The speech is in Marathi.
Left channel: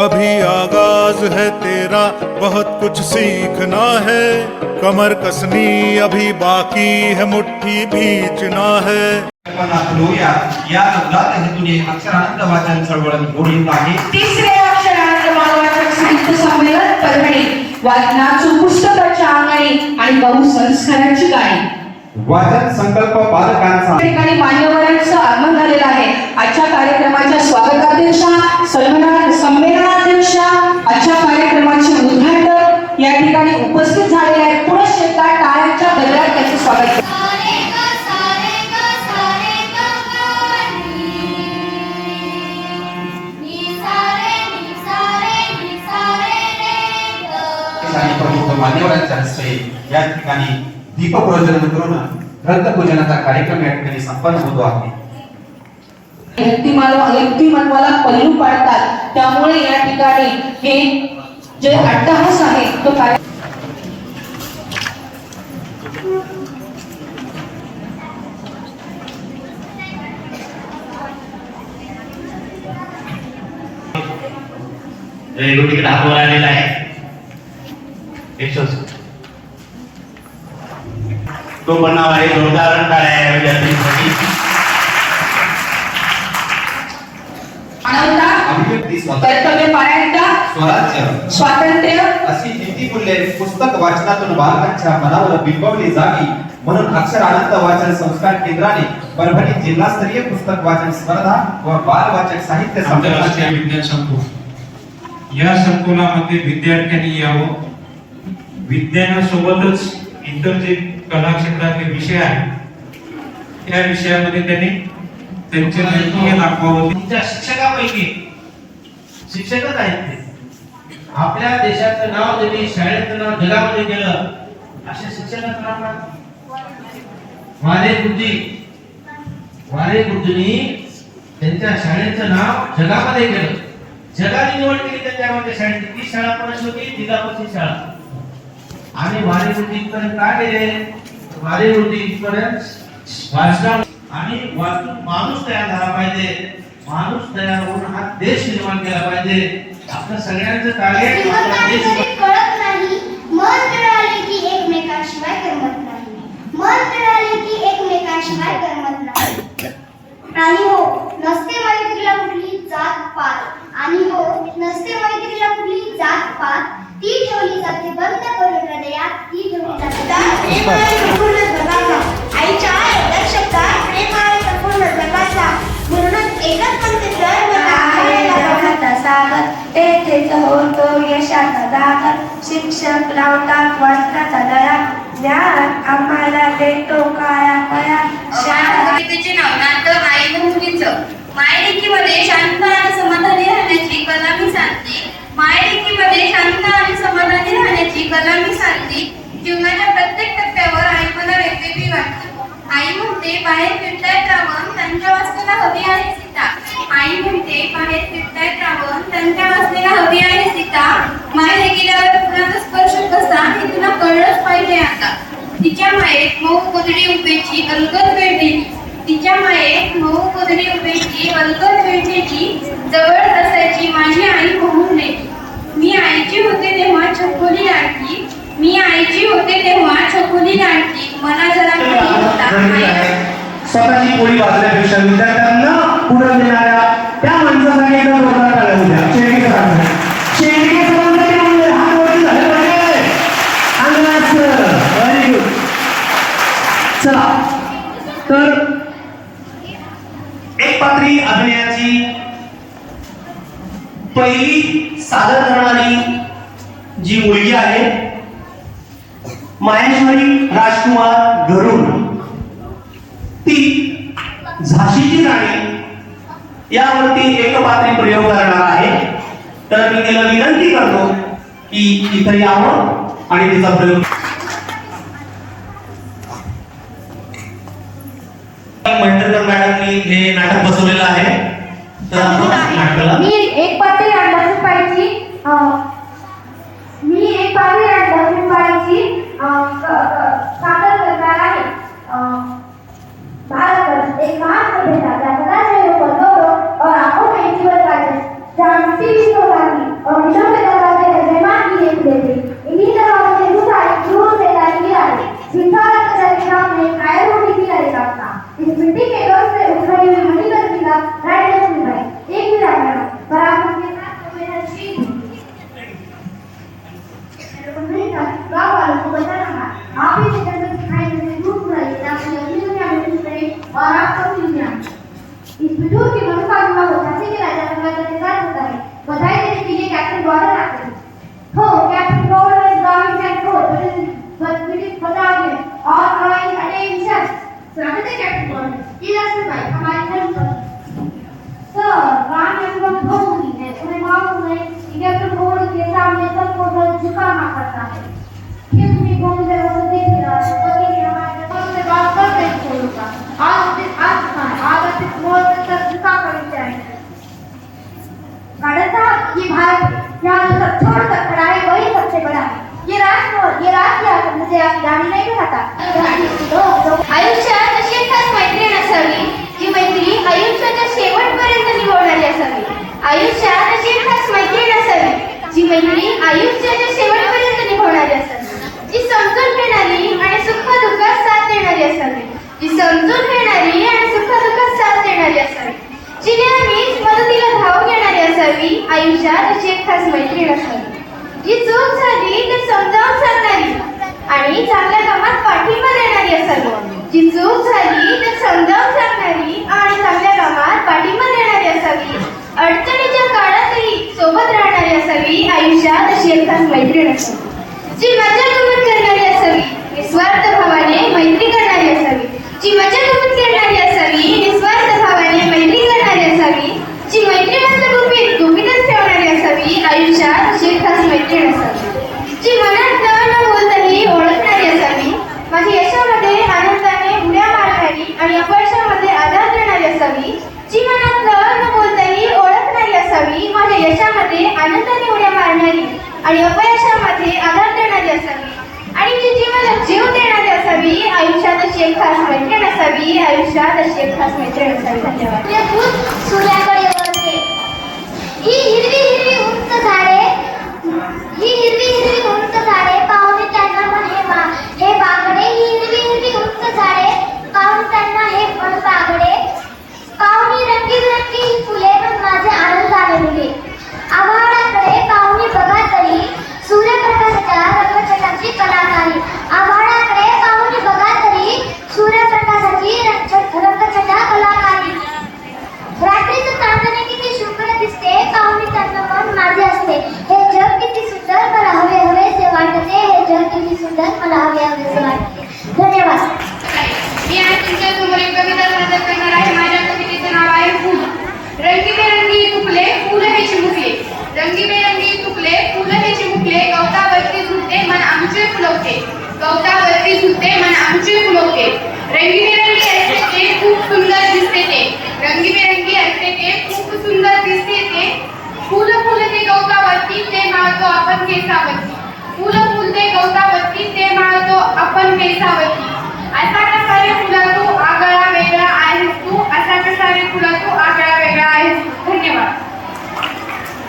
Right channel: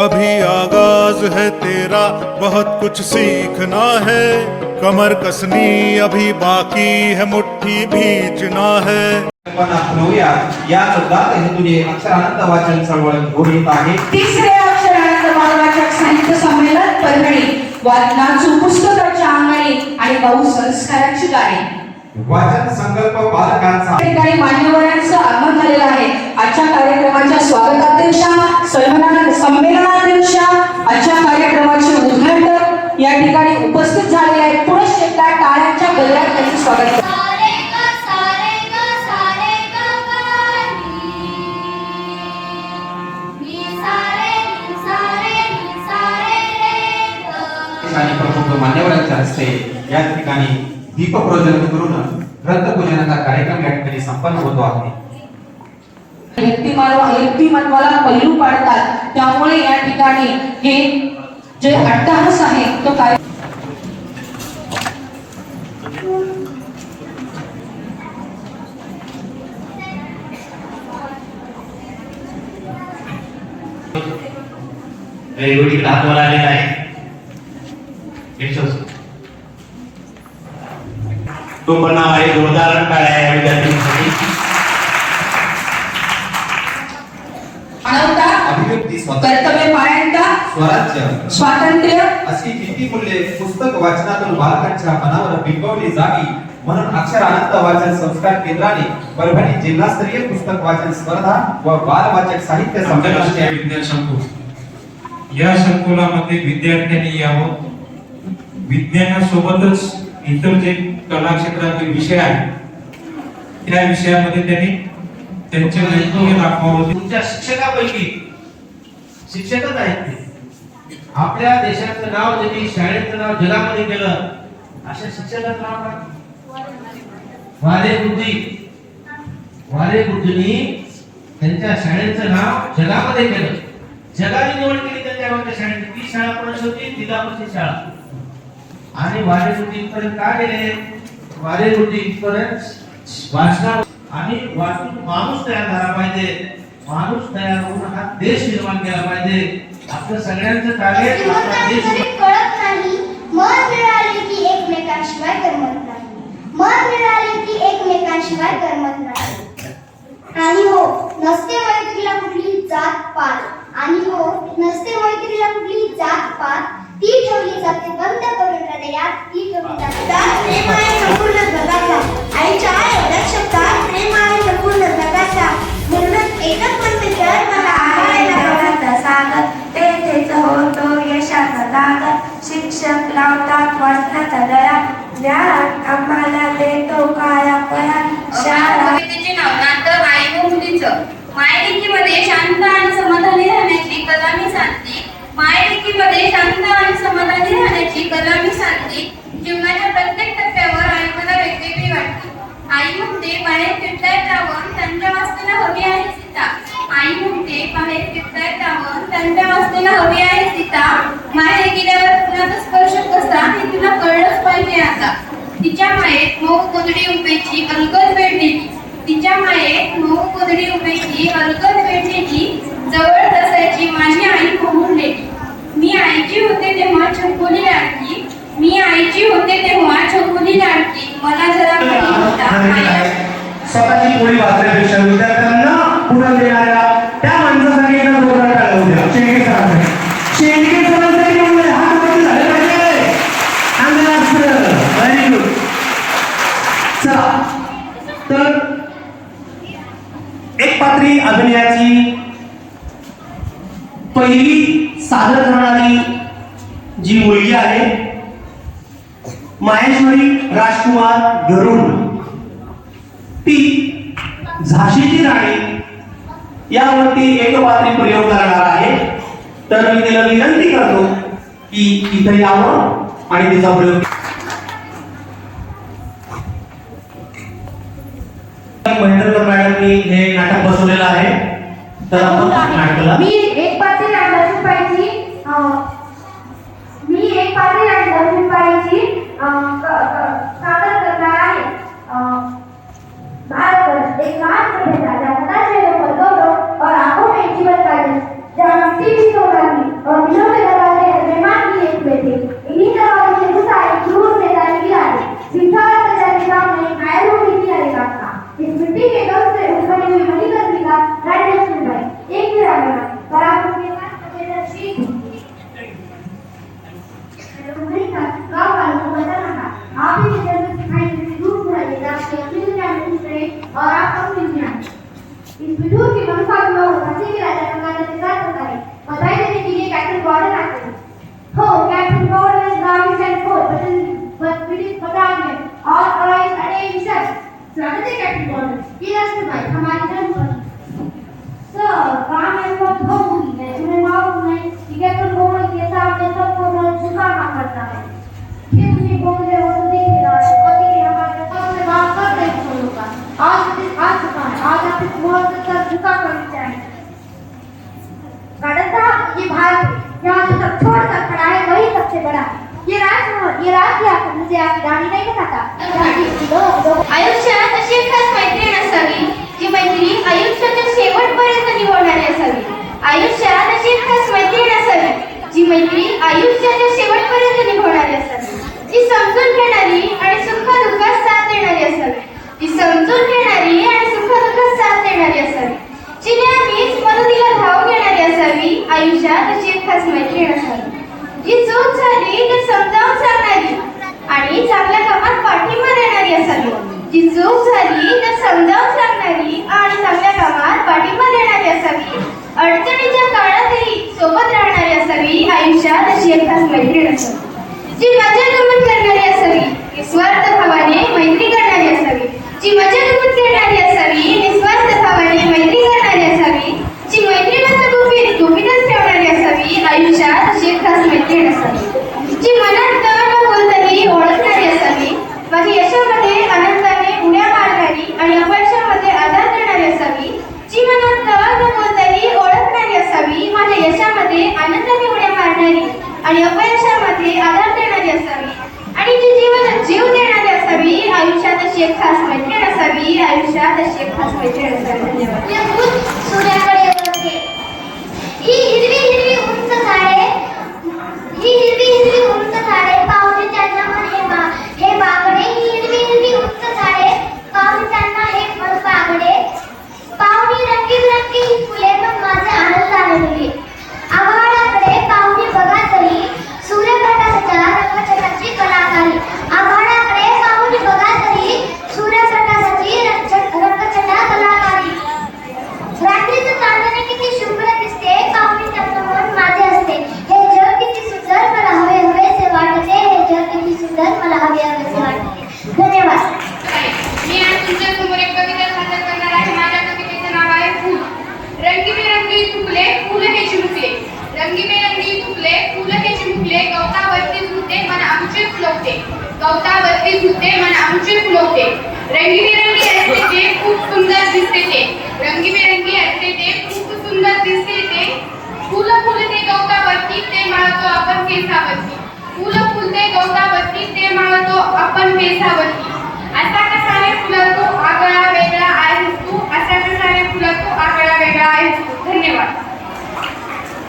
अभी आगाज है तेरा, बहुत कुछ सीखना है। कमर कसनी अभी बाकी है, मुट्ठी भींचना है। या शब्दात हे तुझे अक्षरानंद वाचन चळवळ घोडीत आहे। तिसरे अक्षरानंद वाचक साहित्य संमेलन परभणी, वाचनाची पुस्तकाच्या अंगणी आणि बहुसंस्काराची गाणी। वाचन संकल्प बालकांचा ठिकाणी मान्यवरांचं आगमन झालेलं आहे। आजच्या कार्यक्रमाच्या स्वागताध्यक्षा, संमेलनाध्यक्षा, आजच्या कार्यक्रमाचे उद्घाटक या ठिकाणी उपस्थित झालेले आहेत। पुढे एकदा टाळ्यांच्या गजरात त्यांचे स्वागत केले। मान्यवरांच्या हस्ते या ठिकाणी दीपक प्रज्वलन करून ग्रंथपूजनाचा कार्यक्रम या ठिकाणी संपन्न होतो आहे। व्यक्तिमत्वाला पैलू पाडतात, त्यामुळे या ठिकाणी हे जे अट्टहास आहे तो काय रेल्वे हातवर आलेला आहे। तो बनाव आहे जोरदार टाळ्या या विद्यार्थ्यांसाठी। कर्तव्यपरायणता, स्वराज्य, स्वातंत्र्य अशी किती मूल्ये पुस्तक वाचनातून बालकांच्या मनावर बिंबवली जावी म्हणून अक्षर आनंद वाचन संस्कार केंद्राने परभणी जिल्हास्तरीय पुस्तक वाचन स्पर्धा व बाल वाचक साहित्य संमेलनाचे विज्ञान संकुल या संकुलामध्ये विद्यार्थ्यांनी यावं। विज्ञानासोबतच इतर जे कला क्षेत्रातले विषय आहेत त्या विषयामध्ये त्यांनी त्यांचे नैपुण्य दाखवावं। तुमच्या शिक्षकापैकी शिक्षकच आहेत ते। आपल्या देशाचं नाव ज्यांनी शाळेचं नाव जगामध्ये केलं अशा शिक्षकाचं नाव काय? वाले गुरुजींनी त्यांच्या शाळेचं नाव जगामध्ये केलं। जगाने निवड केली त्यांच्या शाळेची। ती शाळा कोणाची होती? जिल्हापरिषद शाळा। आणि वाले गुरुजींपर्यंत काय गेले? वाले गुरुजींपर्यंत वाचना आणि वाचून माणूस तयार झाला पाहिजे। माणूस तयार होऊन हा देश निर्माण केला पाहिजे। आपलं सगळ्यांचं कार्य देश कळत नाही। मन मिळाले की एकमेकांशिवाय करमत नाही। मन मिळाले की एकमेकांशिवाय करमत नाही। आणि हो नसते मैत्रीला कुठली जात पात। आणि हो नसते मैत्रीला कुठली जात पात। ती ठेवली जाते बंद करून हृदयात। ती ठेवली जाते प्रेमाने पूर्ण जगाचा। आईच्या एवढ्या शब्दात प्रेमाने पूर्ण जगाचा। म्हणूनच एकच म्हणते तर मला आईला सागर तेथेच होतो यशाचा जागर। शिक्षक लावतात वाचनाचा दरा। ज्ञान आम्हाला देतो काया कया। शाळेचे नवनाथ आई मुलीचं मायलेकीमध्ये शांत आणि समाधानी राहण्याची कला मी सांगते। मायलेकीमध्ये शांत आणि समाधानी राहण्याची कला मी सांगते। जीवनाच्या प्रत्येक टप्प्यावर आई मला वेगवेगळी वाटते। आई म्हणते बाहेर फिरतायत रावण, त्यांच्या वासनेला हवी आहे सीता। आई म्हणते बाहेर फिरतायत रावण, त्यांच्या वासनेला हवी आहे सीता। माहेर गेल्यावर कुणाचा स्पर्श कसा हे तुला कळलंच पाहिजे आता। तिच्या मायेत मऊ कोदडी उभेची अलगद वेढलेली। तिच्या मायेत मऊ कोदडी उभेची अलगद वेढलेली। जवळ बसायची माझी आई म्हणून लेली। मी आईची होते तेव्हा छकुली लाडकी। मी आईची होते तेव्हा छकुली लाडकी। मला जरा कधी होता स्वतःची पोळी वाचण्यापेक्षा विद्यार्थ्यांना पुढे देणाऱ्या त्या माणसासाठी एकदा बोलणं टाळलं होत्या। शेंडके सरांसाठी बोलले हा वरती झालं पाहिजे। Very good. चला तर एक पात्री अभिनयाची पहिली सादर करणारी जी मुलगी आहे माहेश्वरी राजकुमार गरुड, ती झाशीची राणी यावरती एकपात्री प्रयोग करणार आहे। तर मी तिला विनंती करतो की इथे यावं आणि तिचा प्रयोग। महेंद्रकर मॅडमनी हे नाटक बसवलेलं आहे। तर नाटकाला मी एक पात्री अंडरपायची सादर करणार आहे। भारत एक महान सभ्यता ज्याचा गौरव और आंखों में जीवन का जानती थी और दिलों में लगाते हैं बेईमान की एक बेटी। इन्हीं जगहों से गुस्सा दूर से जाने की आदत विशाल कचर के सामने कायल होने की आदत था। इस मिट्टी के गम से उभरी हुई मणिकर की रानी लक्ष्मीबाई एक वीरांगना बराबर के साथ संवेदनशील गाँव वालों को बताना था आप ही जंगल दिखाई देने दूर बुलाइए ताकि अगली दुनिया में खुश रहे और आपका मिल जाए। इस विदुर की मनुका विवाह झांसी के राजा गंगाधर के साथ होता है। बधाई देने के लिए कैप्टन बॉर्डर आते हैं। हो captain border is driving and forth, but British Battalion all arrive at attention. स्वागत है कैप्टन बॉर्डर। ये राष्ट्रभाई हमारी धर्मपत्नी। सर, राम ने बहुत भूख की है। तुम्हें मालूम नहीं कि कैप्टन बॉर्डर के सामने सबको झुकाना पड़ता है। फिर भी बोल रहे हो तो देख रहा है। पति ने हमारे पद में बात कर दे बोलूंगा। आज चुका है। आज आप इस मोड़ तक झुका कर जाए। गार्डन साहब, ये भारत है। यहाँ जो सब छोड़ कर खड़ा है वही सबसे बड़ा है। ये राज आकर मुझे आपकी रानी नहीं दिखाता। आयुष्यात अशी एक खास मैत्रीण असावी जी मैत्री आयुष्याच्या शेवटपर्यंत निभावणारी असावी। आयुष्यात अशी एक खास मैत्रीण असावी जी मैत्री आयुष्याच्या शेवटपर्यंत निभावणारी असावी। जी समजून घेणारी आणि सुख दुःखात साथ देणारी असावी। जी समजून घेणारी आणि सुख दुःखात साथ देणारी असावी। जी नेहमीच मदतीला धाव घेणारी असावी। आयुष्यात अशी एक खास मैत्रीण असावी जी चूक झाली तर समजावून सांगणारी आणि चांगल्या कामात पाठिंबा देणारी असावी। जी चूक झाली तर समजावून सांगणारी आणि चांगल्या कामात पाठिंबा देणारी असावी। अडचणीच्या काळातही सोबत राहणारी असावी। आयुष्यात अशी एक खास मैत्रीण असावी जी मजा गमत करणारी असावी। निस्वार्थ भावाने मैत्री करणारी असावी। जी मजा गमत करणारी असावी। निस्वार्थ भावाने मैत्री करणारी असावी। जी मैत्रिणीचं गुपितच ठेवणारी असावी। आयुष्यात अशी एक खास मैत्रीण असावी जी मनात न बोलताही ओळखणारी असावी। माझ्या यशामध्ये आनंदाने उड्या मारणारी आणि अपयशामध्ये आधार देणारी असावी। जी मनात न बोलताही ओळखणारी असावी। माझ्या यशामध्ये आनंदाने उड्या मारणारी आणि अपयशामध्ये आधार देणारी असावी आणि जी जीवनात जीव देणारी असावी। आयुष्यात अशी एक खास मैत्रीण असावी। आयुष्यात अशी एक खास मैत्रीण असावी। धन्यवाद। सूर्याकडे वळते ही हिरवी हिरवी उंच झाडे पाहुणे त्यांना मन हे बागडे। ही हिरवी हिरवी उंच झाडे पाहुणे त्यांना हे मन बागडे। पाहुणी रंगीबिरंगी ही फुले पण माझे आनंदाने मुले। आभाळाकडे पाहुणे बघा तरी सूर्यप्रकाशाच्या रंगछटाची कलाकारी। आभाळाकडे पाहुणे बघा तरी सूर्यप्रकाशाची रंगछटा कलाकारी। रात्रीचं चांदणे किती शुभ्र दिसते पाहुणे त्यांना मन माझे असते। हे जग किती सुंदर मला हवे हवेसे वाटते। हे जग किती सुंदर मला हवे हवेसे वाटते। धन्यवाद। मी आज तुमच्या समोर एक कविता सादर करणार आहे। माझ्या कवितेचं नाव आहे फूल। रंगीबेरंगी फुले फुल हे चिमुकले। रंगीबेरंगी फुले फुल हे चिमुकले। गवतावरती झुलते मन आमचे फुलवते। गवतावरती झुलते मन आमचे फुलवते। रंगीबेरंगी असते ते खूप सुंदर दिसते ते। रंगीबेरंगी असते ते खूप सुंदर दिसते ते। फुल फुलते गवतावरती ते माळतो आपण केसावरती। फुल फुलते गवतावरती ते माळतो आपण केसावरती। असा कसा रे फुला तू आगळा वेगळा आहेस तू। असा कसा रे फुला तू आगळा वेगळा आहेस तू। धन्यवाद।